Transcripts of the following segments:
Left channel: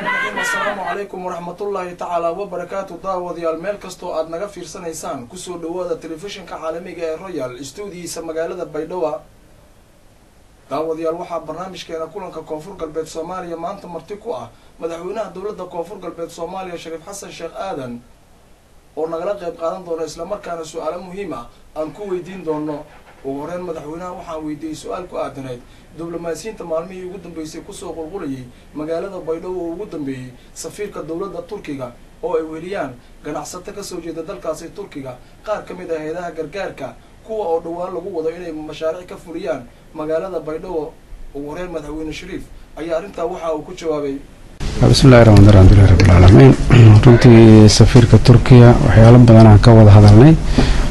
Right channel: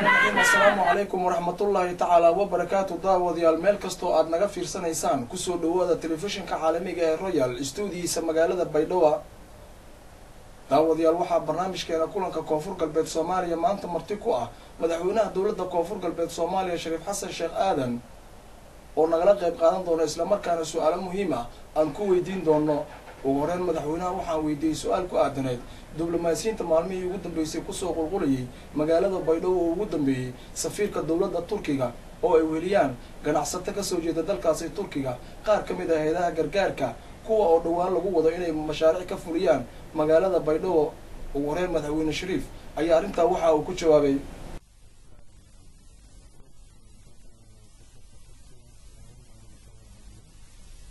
السلام عليكم ورحمة الله تعالى وبركاته. داوديال مeel kasto aad naga fiirsanaysaan ku soo dhawaada telefishinka caalamiga ee Royal Studios magaalada Baydhabo. Daawadayaal waxaa barnaamijkeena kulanka Koonfur Galbeed Soomaaliya maanta marti ku ah madaxweynaha dawladda Koonfur Galbeed Soomaaliya Shariif Xasan Sheekh Aadan oo nagala qayb qaadan doona isla markaana su'aalo muhiim ah aan ku weydiin doono. ugu horeen madaxweynaha waxaan weydiiyay su'aal ku aadanayd diblomaasiyiinta maalmihii ugu dambeysay ku soo qulqulayay magaalada Baydhabo oo ugu dambeeyay safiirka dawladda Turkiga oo ay weliyaan ganacsato ka soo jeeda dalkaasi Turkiga qaar ka mid ah hay'adaha gargaarka kuwa oo dhawaan lagu wado inay mashaariic ka fuliyaan magaalada Baydhabo. ugu horeen madaxweyne Shariif ayaa arinta waxa uu ku jawaabay bismillahirrahmanirrahim rabbil alamin. runtii safiirka Turkiga waxyaalo badan aan ka wada hadalnay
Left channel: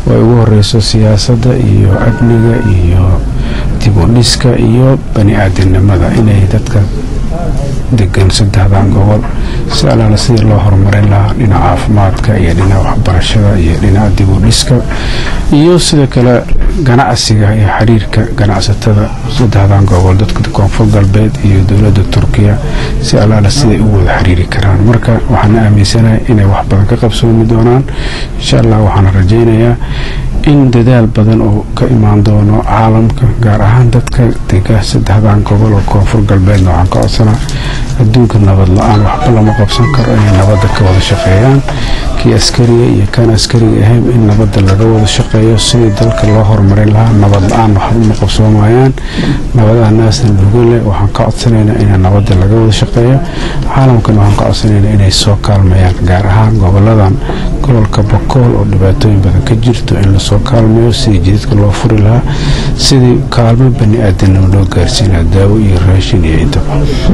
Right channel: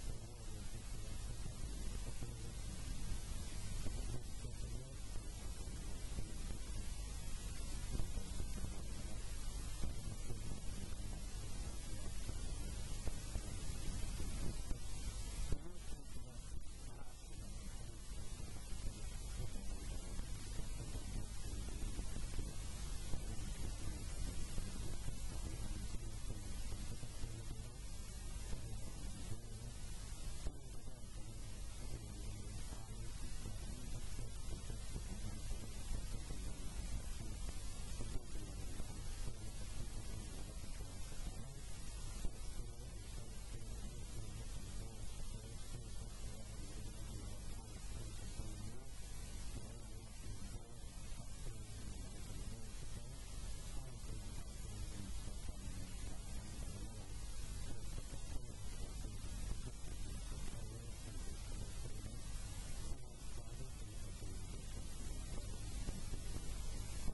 way ugu horeyso siyaasadda iyo amniga iyo dib u dhiska iyo bani aadamnimada inay dadka degan saddexdan gobol si alaala sidii loo horumarin lahaa dhinaca caafimaadka iyo dhinaca waxbarashada iyo dhinaca dib u dhiska iyo sidoo kale ganacsiga iyo xiriirka ganacsatada saddexdan gobol dadka Koonfur Galbeed iyo dawladda Turkiga si alaala sidii u wada xiriiri karaan. marka waxaan aaminsanahay inay wax badan ka qabsoomi doonaan insha Allah. waxaan rajaynayaa in dadaal badan oo ka imaan doono caalamka gaar ahaan dadka degan saddexdan gobol oo Koonfur Galbeed waxaan ka codsanaa adduunka nabad la'aan waxba lama qabsan karo inay nabadda ka wada shaqeeyaan kii askariga iyo kan askariga ahayn in nabadda laga wada shaqeeyo sidii dalka loo horumarin lahaa. nabad la'aan waxba ma qabsoomayaan nabadaha naasna lugule. waxaan ka codsanaynaa in nabadda laga wada shaqeeyo caalamkan. waxaan ka codsanaynaa inay soo kaalmayaan gaar ahaan goboladan gobolka Bakool oo dhibaatooyin badan ka jirto in la soo kaalmayo sidii jidadka loo furi lahaa sidii kaalmo bani aadamnimo loo gaarsiin lahaa daawo iyo raashin iyo intaba.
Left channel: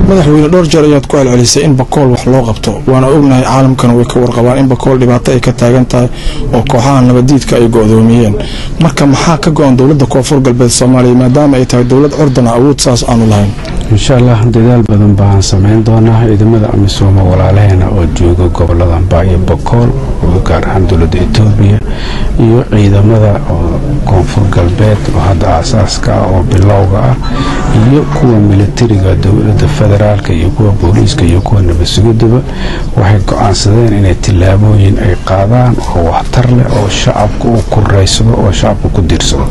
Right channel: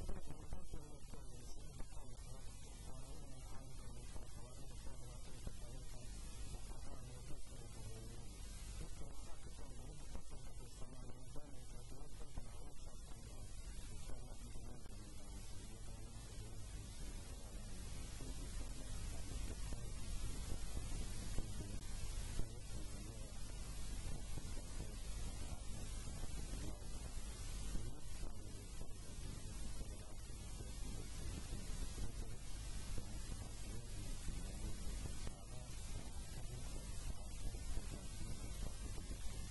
madaxweyne dhowr jeer ayaad ku celcelisay in Bakool wax loo qabto waana ognahay caalamkan way ka warqabaan in Bakool dhibaato ay ka taagan tahay oo kooxaha nabadiidka ay go'doomiyeen. marka maxaa ka go'an dawladda Koonfur Galbeed Soomaaliya maadaama ay tahay dawlad curdana awood saas aanu lahayn? insha Allah dadaal badan baan sameyn doonaa ciidamada amisom walaalaheena oo jooga goboladan Baay Bakool oo gaar ahaan dawladda Itoobiya iyo ciidamada Koonfur Galbeed oo hadda asaaska oo bilowga ah iyo kuwa militariga dawladda federaalka iyo kuwa booliiska iyo kuwa nabad sugidda waxay go'aansadeen inay tilaabooyin ay qaadaan oo waxtar leh oo shacabku uu ku raysado oo shacabku ku diirsado.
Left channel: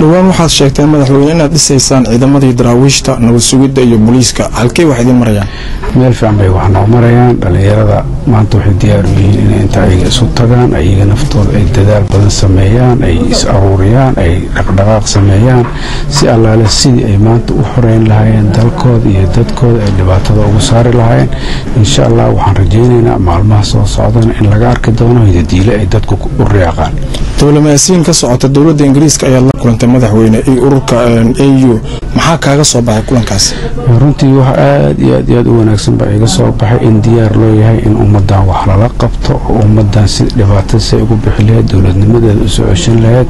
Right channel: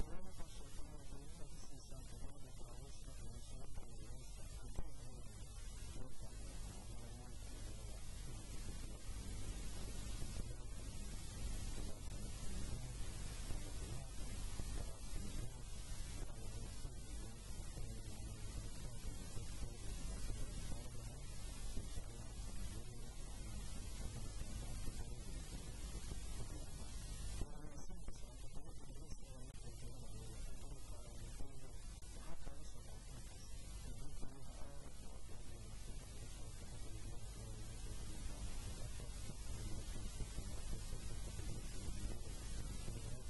dhawaan waxaad sheegteen madaxweyne inaad dhisaysaan ciidamadii daraawiishta nabad sugidda iyo booliiska halkee wax idin marayaan? meel fiican bay wax noo marayaan. dhalinyarada maanta waxay diyaar u yihiin inay inta ayaga isu tagaan ayaga naftooda ay dadaal badan sameeyaan ay is aruuriyaan ay dhaqdhaqaaq sameeyaan si allaale sidii ay maanta u xoreyn lahaayeen dalkooda iyo dadkooda ay dhibaatada ugu saari lahaayeen. insha Allah waxaan rajaynaynaa maalmaha soo socdana in laga arki doono hidadiile ay dadku u riyaaqaan. diblomaasiyiin ka socota dawladda Ingiriiska ayaa la kulantay madaxweyne ururka AU maxaa kaaga soo baxay kulankaas? runtii wax aad iyo aad u wanaagsan baa iga soo baxay in diyaar loo yahay in ummadan wax lala qabto oo ummadan si dhibaato si ugu bixi lahayd dawladnimadeeda u soo ceshan lahayd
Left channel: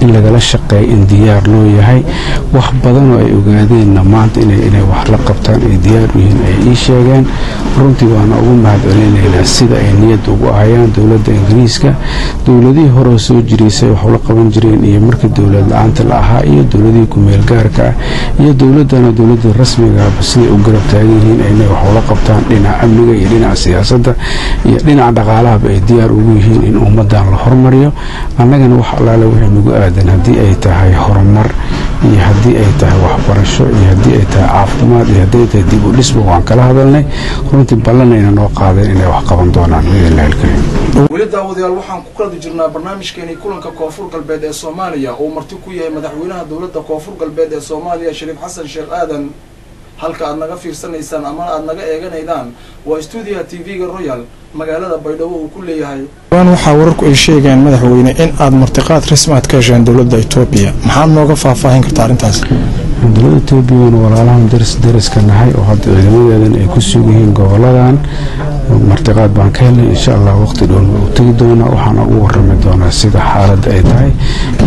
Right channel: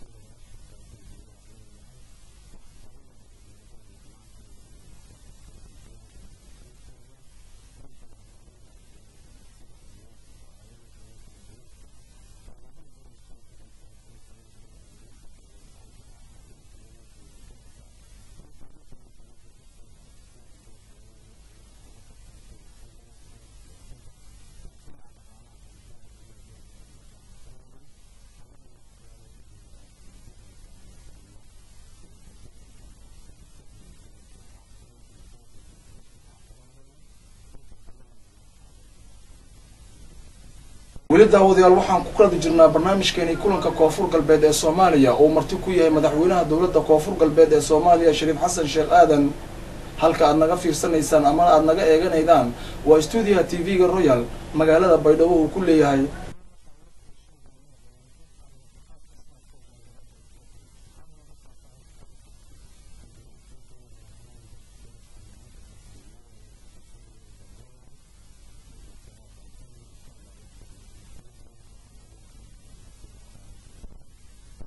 in lagala shaqeeyo in diyaar loo yahay. wax badan oo ay ogaadeen maanta inay wax la qabtaan ay diyaar u yihiin ay ii sheegeen. runtii waana ugu mahadcelinaynaa sida ay niyad ugu ahayaan dawladda Ingiriiska. dawladihii hore soo jireysay wax la qaban jireen iyo markii dawlad la'aanta la ahaa iyo dawladihii ku meel gaarka ah iyo dawladana dawladda rasmiga ah sidii u garab taagan yihiin inay wax la qabtaan dhinaca amniga iyo dhinaca siyaasadda iyo dhinaca dhaqaalaha ay diyaar ugu yihiin in ummadan la horumariyo. annagana wax allaale wixii nagu aadan haddii ay tahay horumar iyo haddii ay tahay waxbarasho iyo haddii ay tahay caafimaad iyo haddii ay tahay dib u dhisba waan kala hadalnay. runtii ballanayna noo qaadeen inay wax qaban doonaan biidhnillaahi alkariim. weli daawadayaal waxaan ku kala jirnaa barnaamijkeeni kulanka Koonfur Galbeed ee Soomaaliya oo marti ku yahay madaxweynaha dawladda Koonfur Galbeed ee Soomaaliya Shariif Xasan Sheekh Aadan. halka aad naga fiirsanaysaan ama aad naga eeganaydaan waa studio TV-ga Royal magaalada Baydhabo uu ku leeyahay. waxaa wararku ay sheegayaan madaxweyne in aad martiqaad rasmi ah ka hesheen dawladda Itoobiya. maxaad nooga faahfaahin kartaa arintaas? dawladda Itoobiya walaalahan dariska nahay oo hadda ciidamadeedan ay ku sugan yihiin goboladan martiqaad baan ka helnay insha allah waqti dhown u tegi doonaa waxaana ugu warrami doonaa sida xaaladda ay tahay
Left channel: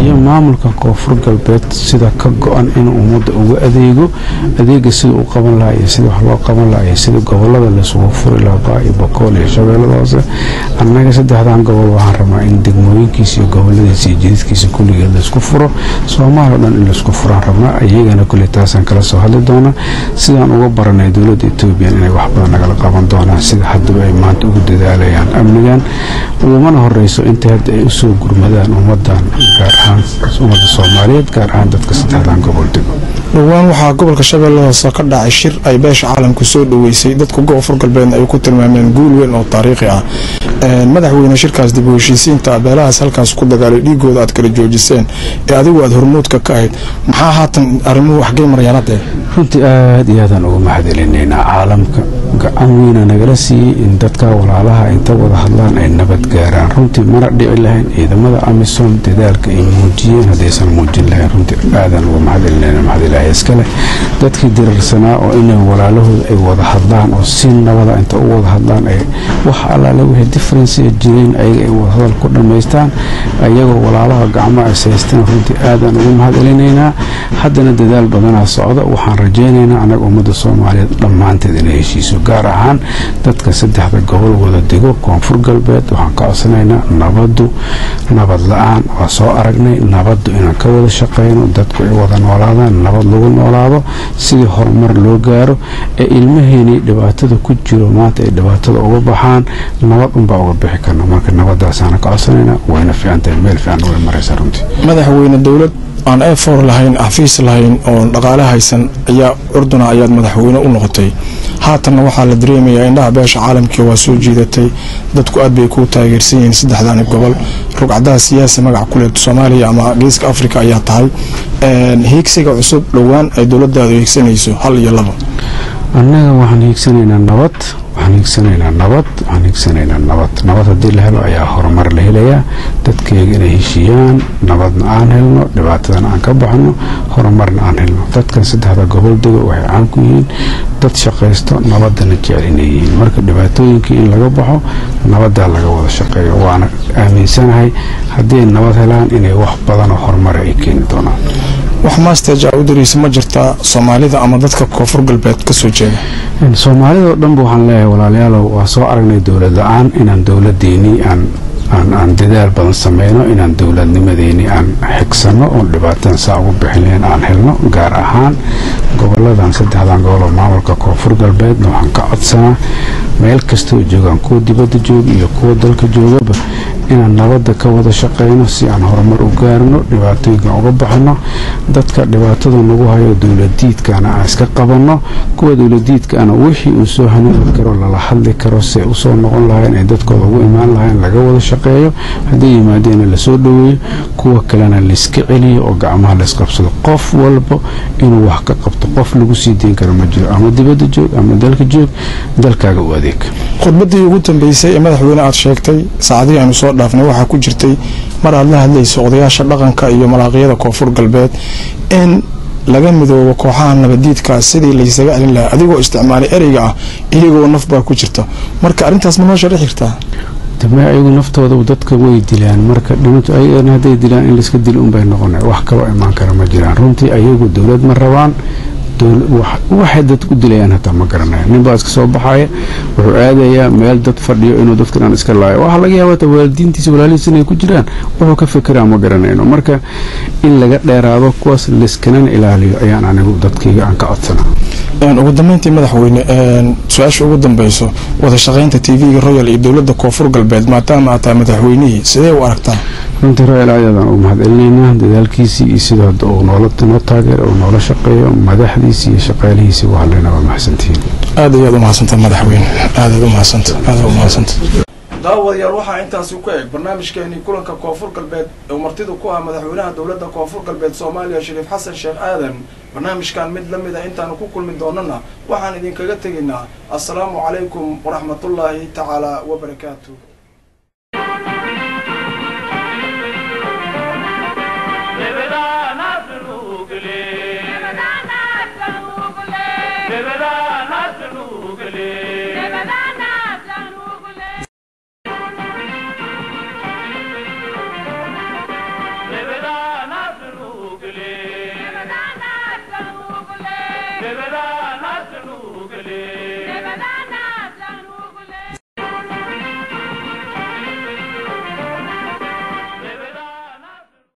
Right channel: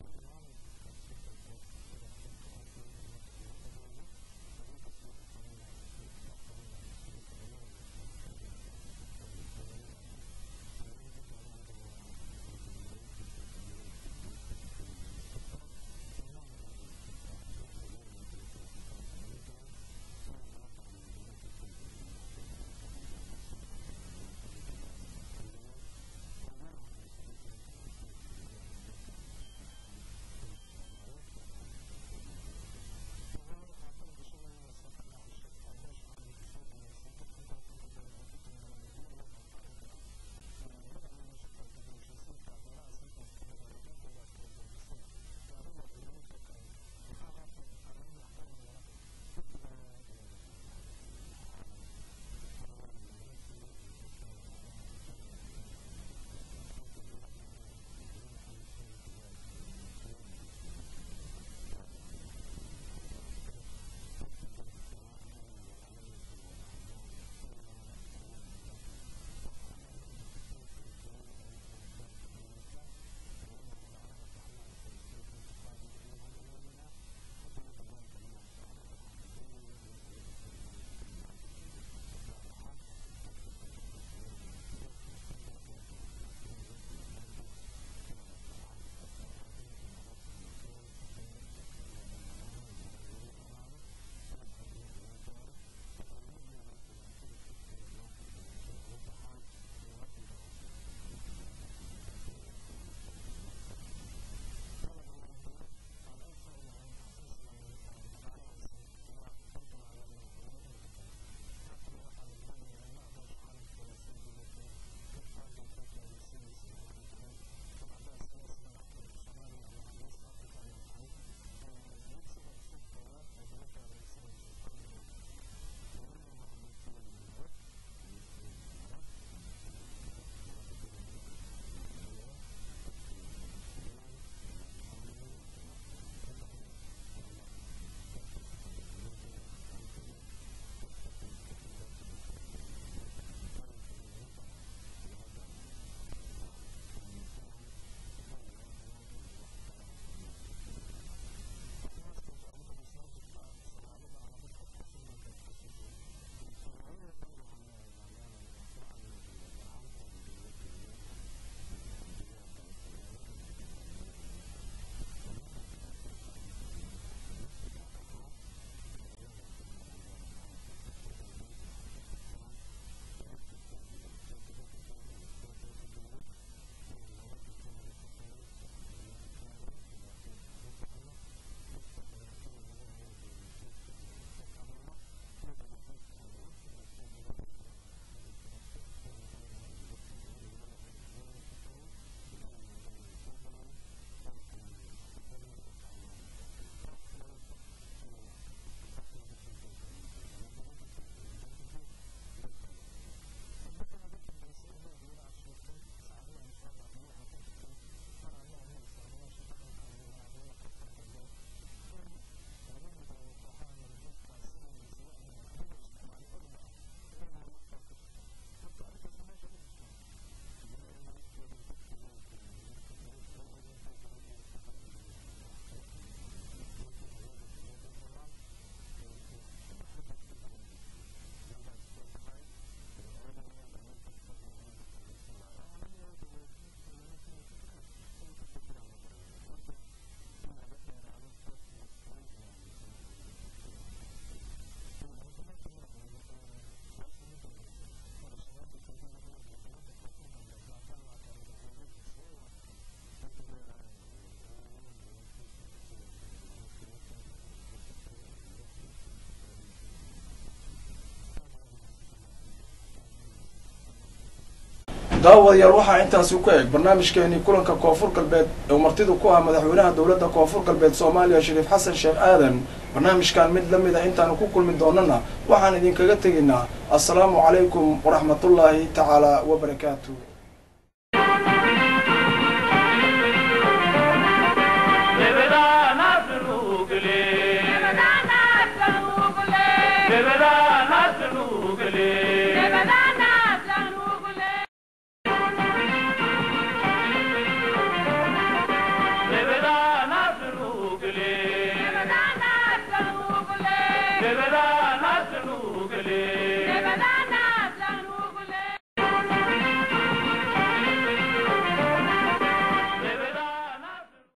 iyo maamulka koonfur galbeed sida ka go-an inuu ummadda uga adeega sida u qaban lahaa iyo sida wax loo qaban lahaa iyo sida gobolada laisugu furi lahaa baa iyo bokool iyo shabeellada hoose annaga saddexdan gobol waxaan rabnaa in degmooyinkiisa iyo goboladiisa iyo jididkiisa kulligeed laisku furo soomaali oo dhan in laisku furaan rabnaa iyagana kulli taasaan kala soo hadli doonaa sidaan uga baranay dowladda etoobiya inay wax badan nagala qaban doonaan sida haddaba ay maanta ugu dadaalayaan amnigan ugumana horeyso inta hadda ay usoo gurmadaan ummadan gaar ahaan ummadda soomaaliyeed gaar ahaan dadka saddexdan gobol dego dhowaan waxaa gobolka shabeelle hoose ka dhacay shir ay beesha caalamku soo dhaweysay dadka koonfur galbeedna ay ku tilmaameen guul weyn oo taariikhi ah madaxweyne shirkaas dib u heshiisiinta beelahaas halkaas ku dagaalay dhiigooda aad kala joojiseen ee adigu aad hormuudka ka ahayd maxaa haatan arrimuhu waxgay marayaan hadda runtii aad iyo aadaan uga mahadcelinaynaa caalamka gacan weyna nagala siiyey in dadka walaalaha inta wada hadlaan ay nabad gaaraan runtii mana dhici lahayn ciidamada amisom dadaalka ay muujiyeen haddaysan muujin lahayn runtii aadaan uga mahadcelinayna mahadilaahi iskale dadkii dirarsanaa oo inay walaalahooda ay wada hadlaan oo si nabada inta u wada hadlaan ay wax allaale wixii differensiga jireen ayaga ay wada hadal ku dhammaystaan ayagoo walaalaha gacmo ay saysteen runtii aadaan uga mahadcelinaynaa haddana dadaal badanaa socda waxaan rajaynaynaa annaga ummadda soomaaliyeed dhammaanteed inay heshiiso gaar ahaan dadka saddexda gobol wada dego koonfur galbeed waxaan ka codsanaynaa nabad la-aan waa soo aragnay nabaddu inaan ka wada shaqayno dadku ay wada noolaadaan nabad lagu noolaado sidii horumar loo gaaro ee ilmaheenii dhibaatada ku jiro maanta ay dhibaatada uga baxaan nabad unbaa uga bixi karna marka nabadaasaana ka codsanaynaa wayna fiicantahay meel fiican way maraysaa runtii madaxweyne dowlad aan efor lahayn xafiis lahayn oo dhaqaale haysan ayaa urduna ayaad madaxweyne u noqotay haatanna waxaa la dareemayaa indhaha beesha caalamkii waa soo jiidatay dadku aad bay kuu taageersan yihiin saddexdaani gobol rugcadaha siyaasi magaca kuleed soomaaliya ama geeska afrika ayaa tahay hiigsiga cusub dhowaan ay dowladaadu hiigsanayso hal iyo labo annaga waxaan hiigsanaynaa nabad haddii la helo ayaa horumar la helayaa dadkayga inay heshiiyaan nabadna aan helno dhibaatadana aan ka baxno horumarna aan helno dadkan saddexda gobol dego waxay caan ku yihiin dad shaqaysto nabadana jecel inay yihiin marka dhibaatooyinkii in laga baxo nabadaa laga wada shaqeeyo waana aaminsanahay haddii ay nabad helaan inay wax badanoo horumara ay keeni doonaan wax maasteja u dariisa ma jirtaa soomaalida ama dadka koonfur galbeed ka soo jeeda soomaalida oo dhanba waxaan leeyahay walaalayaalow waa soo aragnay dowlad la-aan inaan dowladdeennii aan dadaal badan sameyno inaan dowladnimadeennii aan xigsano oon dhibaatadan saa ugu bixin lahayn aan helno gaar ahaan goboladan saddexdan gobol oo maamulka koonfur galbeedna waxaan ka codsanaa meel kastoo joogaan kuwa dibadda jooga iyo kuwa dalka joogaba inaan nabadda ka wada shaqeyno si aan horumar u gaarno dhibaatooyinkan uga baxno dadka dhibaatada nagu hayo dowladiidkana aan iska qabanno kuwa dowladiidkaana wixii uu soo hanuuni karo lala hadli karo si ay usoo noqon lahayn ay dadkooda ugu imaan lahayn laga wada shaqeeyo hadday yimaadeena lasoo dhaweeyo kuwa kalena layska celiyo oo gacmaha laysqabsado qof walba inuu wax ka qabto qof lagu sii deyn karo ma jiro ama dibadda joog ama dalka joog dalkaaga u adeeg khudbadii ugu dambeysay ee madaxweyne aad sheegtay saacadihii aanu soo dhaafnay waxaa ku jirtay mar aad la hadlayso odayaasha dhaqanka iyo malaaqyada koonfur galbeed in laga midoobo kooxaha nabadiidka sidii laysaga celin lahaa adigoo isticmaalay ereyga ah iyagoo naf baa ku jirta marka arrintaas ma noo sharixi kartaa dama ayagu naftooda dadka way dilaan marka dhimantu ayagana hadday dilaan in layska dil unbay noqonay wax kaloo imaan kara ma jiraan runtii ayagu dowlad ma rabaan waxay dad ku dilayaan hataa ma garanaya ninbaa iska soo baxaya wuxuu aadayaa meel dad fadhiyo inuu dadka dhan iska laayo waxaa laga yaabaa waalidiintiisa walaalihiis inay ku jiraan wuxuu ka fekeraa ma garanayno marka in laga dheeraado kuwaas layskanana ilaaliyo ayaan anigu dadkayga aan ka codsanaa ugu dambeyntii madaxweyne su-aasha ugu dambeyso wada shaqeynta tv-ga royal iyo dowladda koonfur galbeed maadaama aad tahay madaxweynihii sidee u aragtaa runtii royal ayadaan u mahadcelinaynaa dadaalkiisii iyo sidoo hadda uu noo taageero uu noola shaqeeyo madaxdiisii iyo shaqaalihiisii waa hadlayna waa mahadsantihiin aad ayaad u mahadsantaha madaxweyne aadaad u mahadsanta daawadayaal waxaa intaasi ku eg barnaamijkeenii kulanka koonfur galbeed ee martidu ku ah madaxweynaha dowladda koonfur galbeed soomaaliya shariif xasan sheekh aadan barnaamijkan mid lamid a intaanu ku kulmi doonana waxaan idinkaga tegaynaa assalaamu calaykum waraxmatullaahi tacaala wabarakaatu Bebeda nasnugle